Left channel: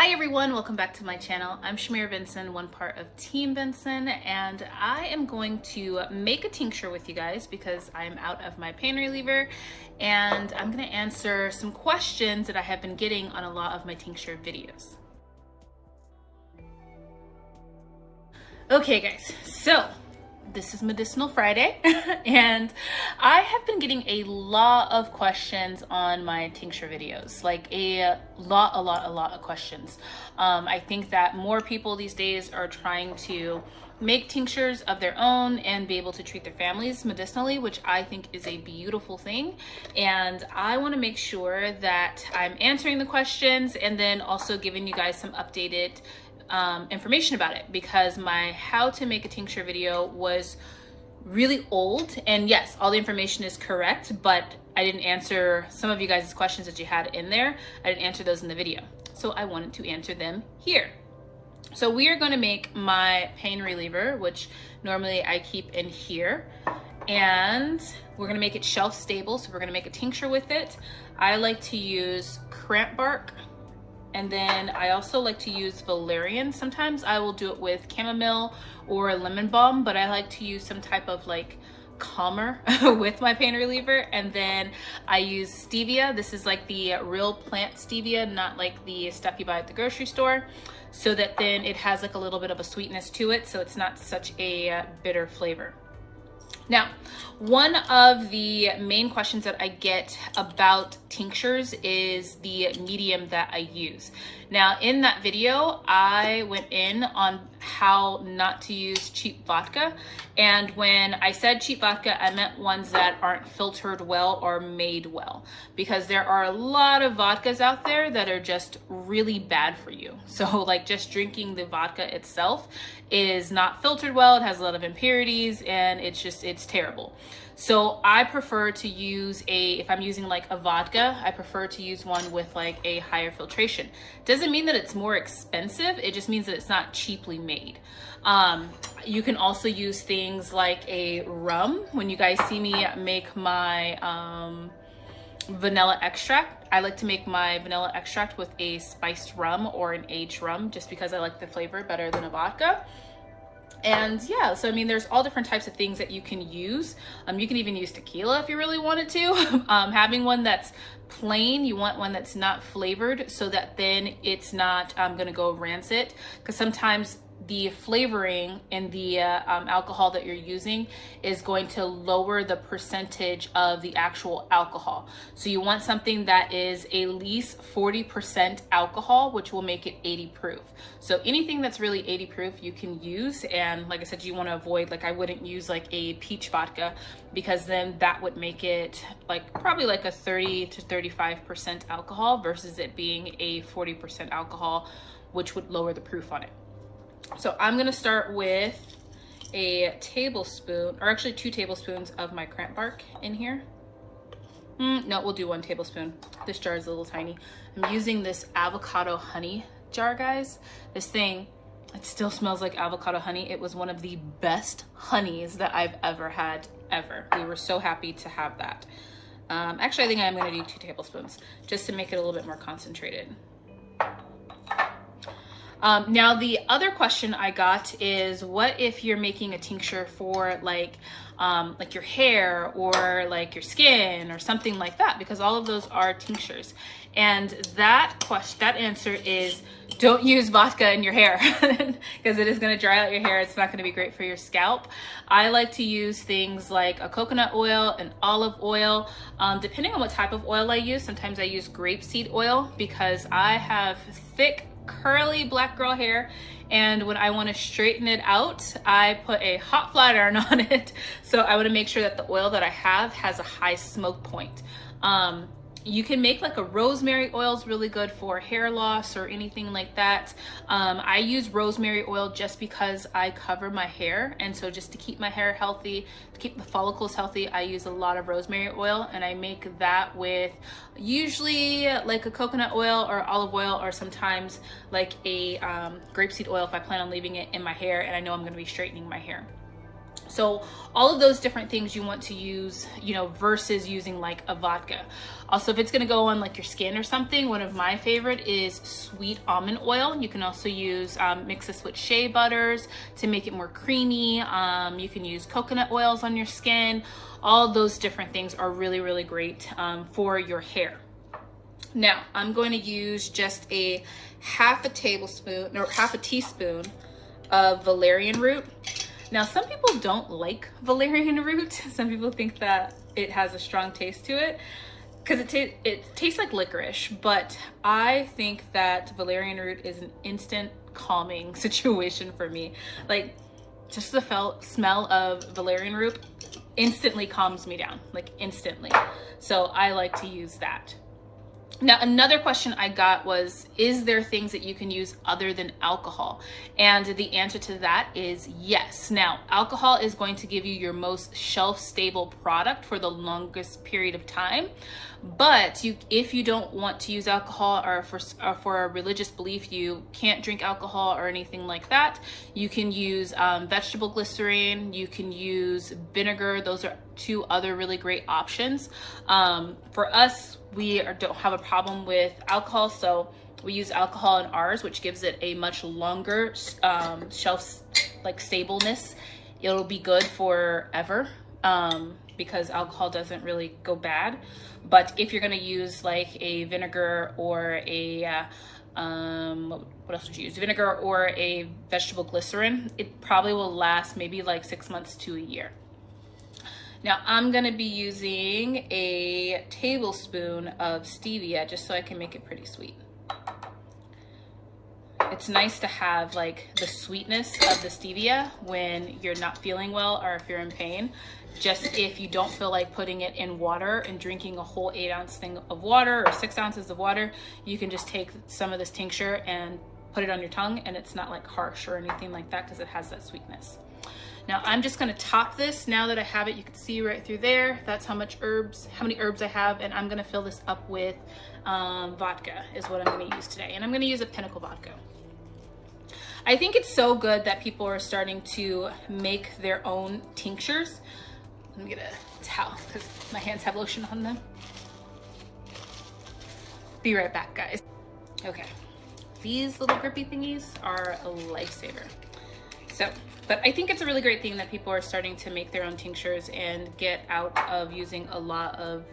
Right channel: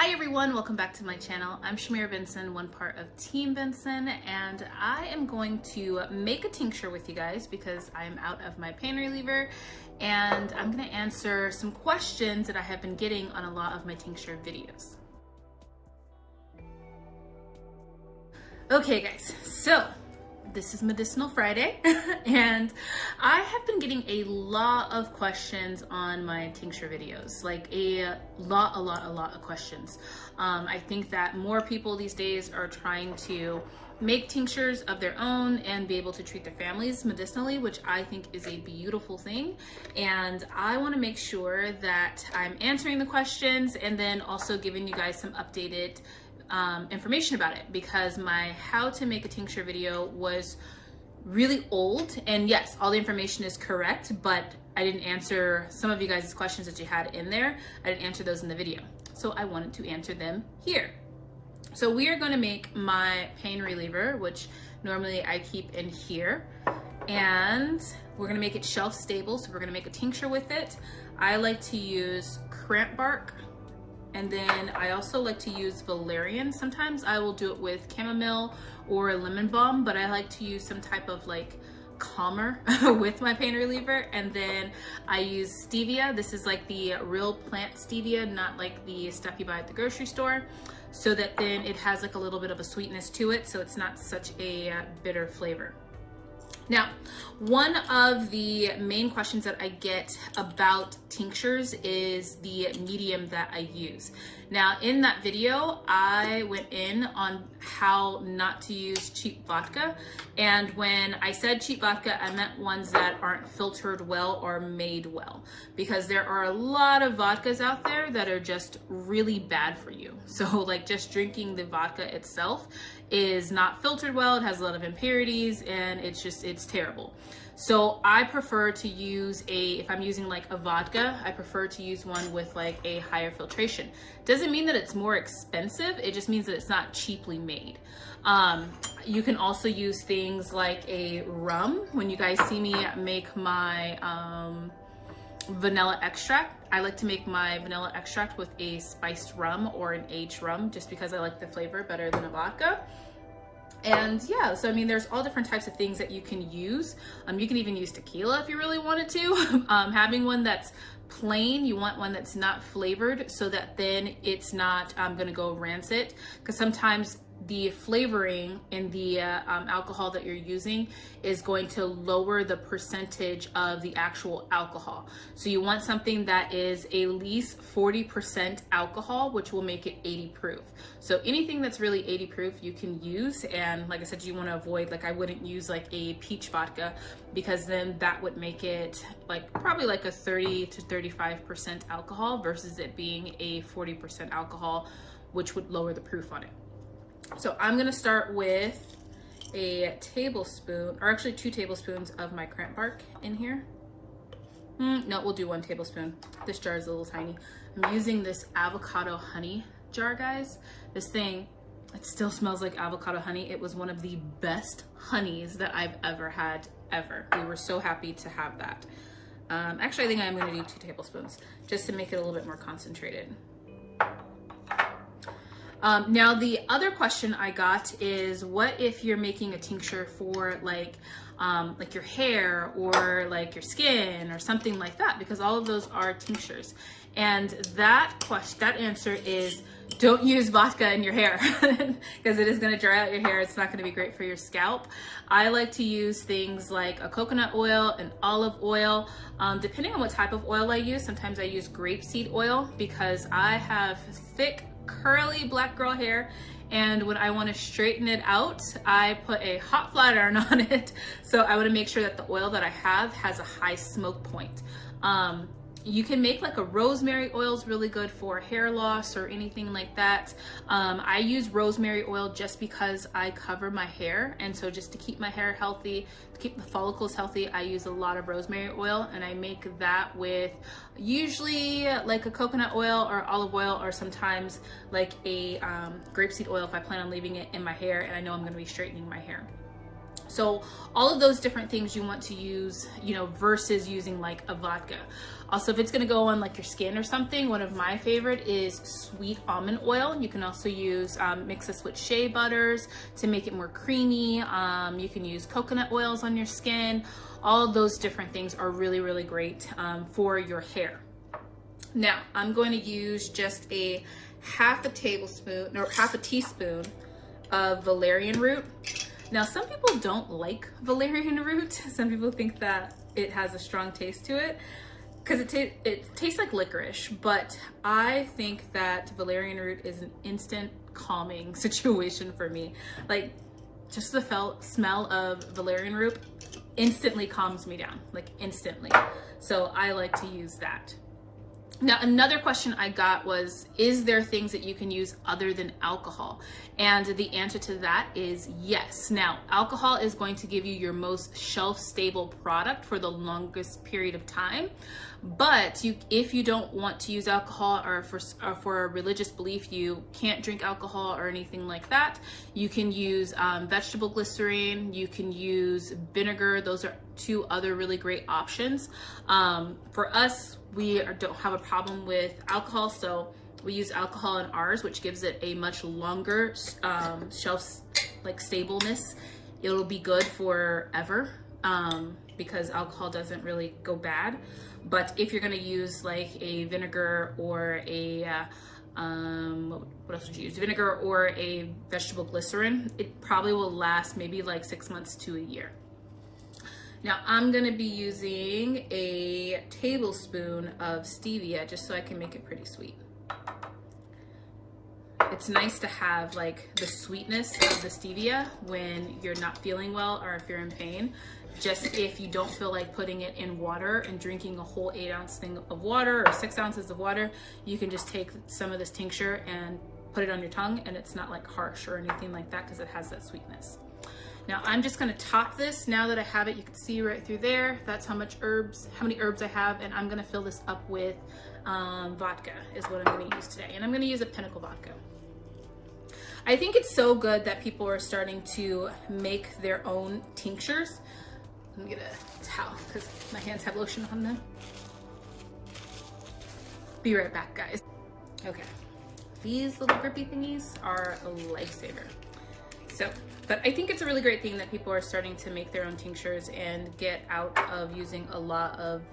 Hi everyone, welcome back to my channel. I'm Shamira Benson, one part of Team Benson, and I am going to make a tincture with you guys because I'm out of my pain reliever, and I'm going to answer some questions that I have been getting on a lot of my tincture videos. Okay guys, so this is Medicinal Friday and I have been getting a lot of questions on my tincture videos, like a lot of questions. I think that more people these days are trying to make tinctures of their own and be able to treat their families medicinally, which I think is a beautiful thing. And I want to make sure that I'm answering the questions and then also giving you guys some updated information about it, because my how to make a tincture video was really old, and yes, all the information is correct, but I didn't answer some of you guys' questions that you had in there. I didn't answer those in the video, so I wanted to answer them here. So we are going to make my pain reliever, which normally I keep in here, and we're going to make it shelf stable. So we're going to make a tincture with it. I like to use cramp bark, and then I also like to use valerian. Sometimes I will do it with chamomile or lemon balm, but I like to use some type of like calmer with my pain reliever. And then I use stevia. This is like the real plant stevia, not like the stuff you buy at the grocery store, so that then it has like a little bit of a sweetness to it, so it's not such a bitter flavor. Now, one of the main questions that I get about tinctures is the medium that I use. Now, in that video, I went in on how not to use cheap vodka. And when I said cheap vodka, I meant ones that aren't filtered well or made well, because there are a lot of vodkas out there that are just really bad for you. So like just drinking the vodka itself is not filtered well. It has a lot of impurities and it's terrible. So I prefer to use if I'm using like a vodka, I prefer to use one with like a higher filtration. Doesn't mean that it's more expensive. It just means that it's not cheaply made. You can also use things like a rum. When you guys see me make my vanilla extract, I like to make my vanilla extract with a spiced rum or an aged rum, just because I like the flavor better than a vodka. And yeah, so I mean, there's all different types of things that you can use. You can even use tequila if you really wanted to. Having one that's plain, you want one that's not flavored, so that then it's not gonna go rancid, because sometimes the flavoring in the alcohol that you're using is going to lower the percentage of the actual alcohol. So you want something that is at least 40% alcohol, which will make it 80 proof. So anything that's really 80 proof you can use. And like I said, you want to avoid, like I wouldn't use like a peach vodka, because then that would make it like probably like a 30 to 35% alcohol versus it being a 40% alcohol, which would lower the proof on it. So I'm gonna start with a tablespoon, or actually 2 tablespoons of my cramp bark in here. No, we'll do 1 tablespoon. This jar is a little tiny. I'm using this avocado honey jar, guys. This thing, it still smells like avocado honey. It was one of the best honeys that I've ever had, ever. We were so happy to have that. Actually, I think I'm gonna do 2 tablespoons just to make it a little bit more concentrated. Now the other question I got is, what if you're making a tincture for like your hair or like your skin or something like that, because all of those are tinctures. And that answer is, don't use vodka in your hair because it is going to dry out your hair. It's not going to be great for your scalp. I like to use things like a coconut oil and olive oil, depending on what type of oil I use. Sometimes I use grapeseed oil because I have thick, curly black girl hair, and when I want to straighten it out, I put a hot flat iron on it. So I want to make sure that the oil that I have has a high smoke point. You can make like a rosemary oil is really good for hair loss or anything like that. I use rosemary oil just because I cover my hair, and so just to keep my hair healthy, to keep the follicles healthy, I use a lot of rosemary oil, and I make that with usually like a coconut oil or olive oil, or sometimes like a grapeseed oil if I plan on leaving it in my hair and I know I'm going to be straightening my hair. So all of those different things you want to use, you know, versus using like a vodka. Also, if it's gonna go on like your skin or something, one of my favorite is sweet almond oil. You can also use, mix this with shea butters to make it more creamy. You can use coconut oils on your skin. All those different things are really, really great for your hair. Now, I'm going to use just a half a tablespoon or half a teaspoon of valerian root. Now, some people don't like valerian root. Some people think that it has a strong taste to it because it tastes like licorice, but I think that valerian root is an instant calming situation for me. Like, just the smell of valerian root instantly calms me down, like instantly. So I like to use that. Now, another question I got was, is there things that you can use other than alcohol? And the answer to that is yes. Now, alcohol is going to give you your most shelf-stable product for the longest period of time. But if you don't want to use alcohol, or for a religious belief you can't drink alcohol or anything like that, you can use vegetable glycerin, you can use vinegar. Those are two other really great options. For us, we don't have a problem with alcohol, so we use alcohol in ours, which gives it a much longer shelf like stableness. It'll be good forever because alcohol doesn't really go bad. But if you're gonna use like a vinegar or a what else would you use? Vinegar or a vegetable glycerin, it probably will last maybe like 6 months to a year. Now I'm gonna be using a tablespoon of stevia just so I can make it pretty sweet. It's nice to have like the sweetness of the stevia when you're not feeling well or if you're in pain. Just if you don't feel like putting it in water and drinking a whole 8-ounce thing of water or 6 ounces of water, you can just take some of this tincture and put it on your tongue, and it's not like harsh or anything like that because it has that sweetness. Now I'm just gonna top this. Now that I have it, you can see right through there, that's how many herbs I have, and I'm gonna fill this up with vodka is what I'm gonna use today. And I'm gonna use a Pinnacle vodka. I think it's so good that people are starting to make their own tinctures. Let me get a towel because my hands have lotion on them. Be right back, guys. Okay, these little grippy thingies are a lifesaver. So, but I think it's a really great thing that people are starting to make their own tinctures and get out of using a lot of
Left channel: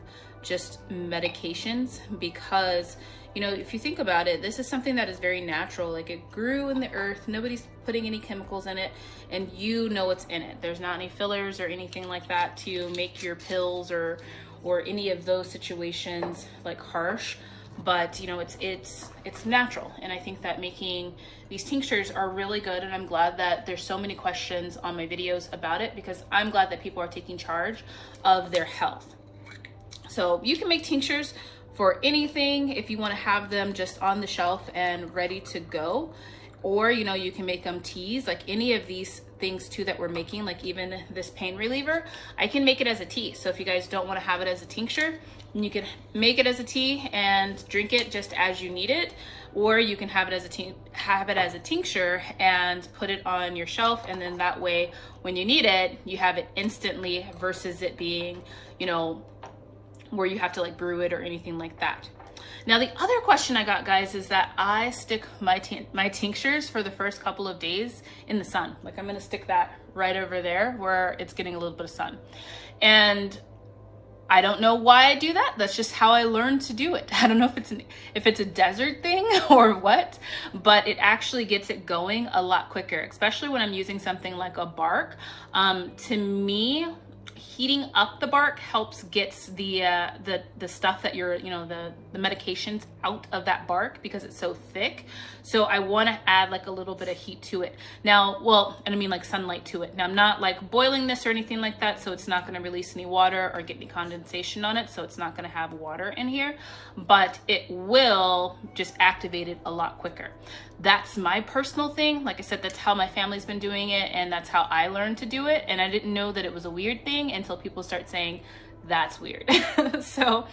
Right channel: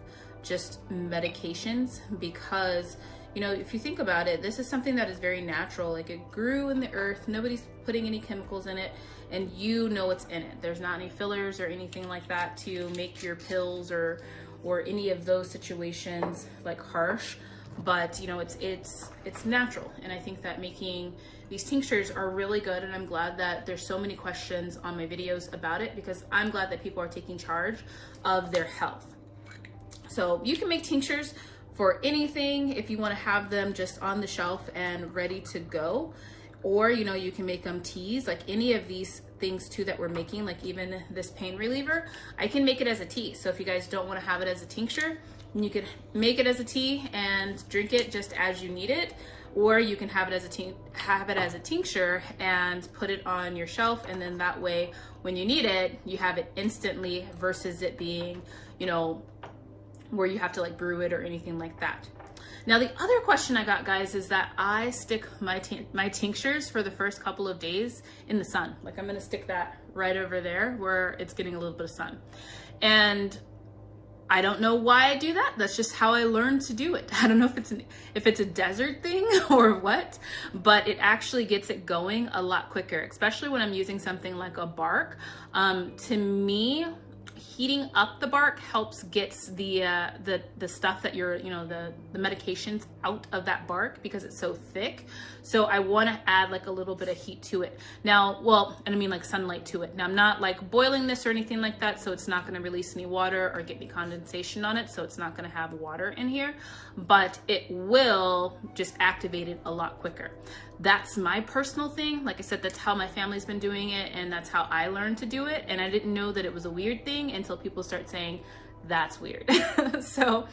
just medications, because, you know, if you think about it, this is something that is very natural. Like, it grew in the earth, nobody's putting any chemicals in it, and you know what's in it. There's not any fillers or anything like that to make your pills or any of those situations like harsh. But you know, it's natural, and I think that making these tinctures are really good, and I'm glad that there's so many questions on my videos about it, because I'm glad that people are taking charge of their health. So you can make tinctures for anything if you want to have them just on the shelf and ready to go, or you know, you can make them teas, like any of these things too that we're making, like even this pain reliever, I can make it as a tea. So if you guys don't want to have it as a tincture, you can make it as a tea and drink it just as you need it, or you can have it as a tincture and put it on your shelf, and then that way when you need it, you have it instantly, versus it being, you know, where you have to like brew it or anything like that. Now, the other question I got, guys, is that I stick my tinctures for the first couple of days in the sun. Like, I'm gonna stick that right over there where it's getting a little bit of sun. And I don't know why I do that. That's just how I learned to do it. I don't know if it's a desert thing or what, but it actually gets it going a lot quicker, especially when I'm using something like a bark. To me, heating up the bark helps gets the stuff that you're, you know, the medications out of that bark, because it's so thick. So I want to add like a little bit of heat to it. Now, well, and I mean like sunlight to it. Now, I'm not like boiling this or anything like that, so it's not going to release any water or get any condensation on it, so it's not going to have water in here, but it will just activate it a lot quicker. That's my personal thing. Like I said, that's how my family's been doing it, and that's how I learned to do it. And I didn't know that it was a weird thing until people start saying, That's weird. So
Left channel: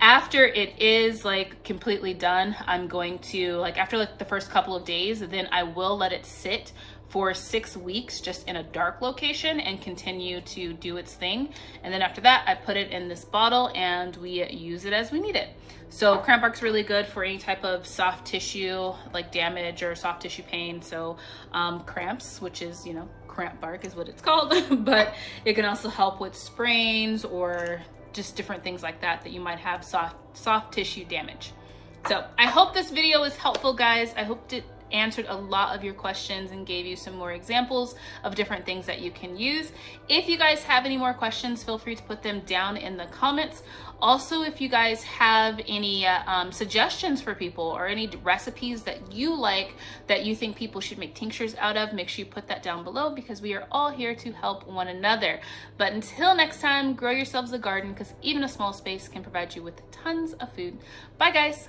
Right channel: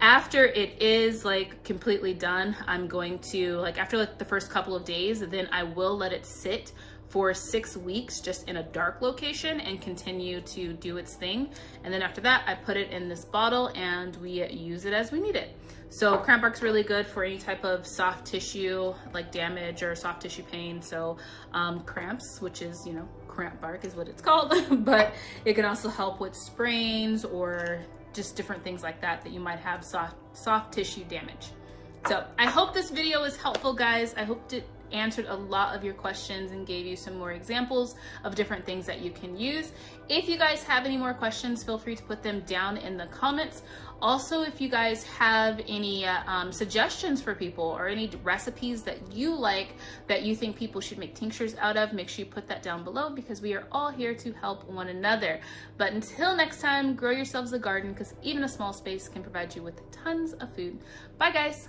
after it is like completely done, I'm going to, like, after like the first couple of days, then I will let it sit for 6 weeks just in a dark location and continue to do its thing. And then after that, I put it in this bottle and we use it as we need it. So cramp bark's really good for any type of soft tissue like damage or soft tissue pain. So cramps, which is, you know, cramp bark is what it's called, but it can also help with sprains or just different things like that that you might have soft tissue damage. So I hope this video was helpful, guys. I hope it answered a lot of your questions and gave you some more examples of different things that you can use. If you guys have any more questions, feel free to put them down in the comments. Also, if you guys have any suggestions for people or any recipes that you like that you think people should make tinctures out of, make sure you put that down below, because we are all here to help one another. But until next time, grow yourselves a garden, because even a small space can provide you with tons of food. Bye, guys.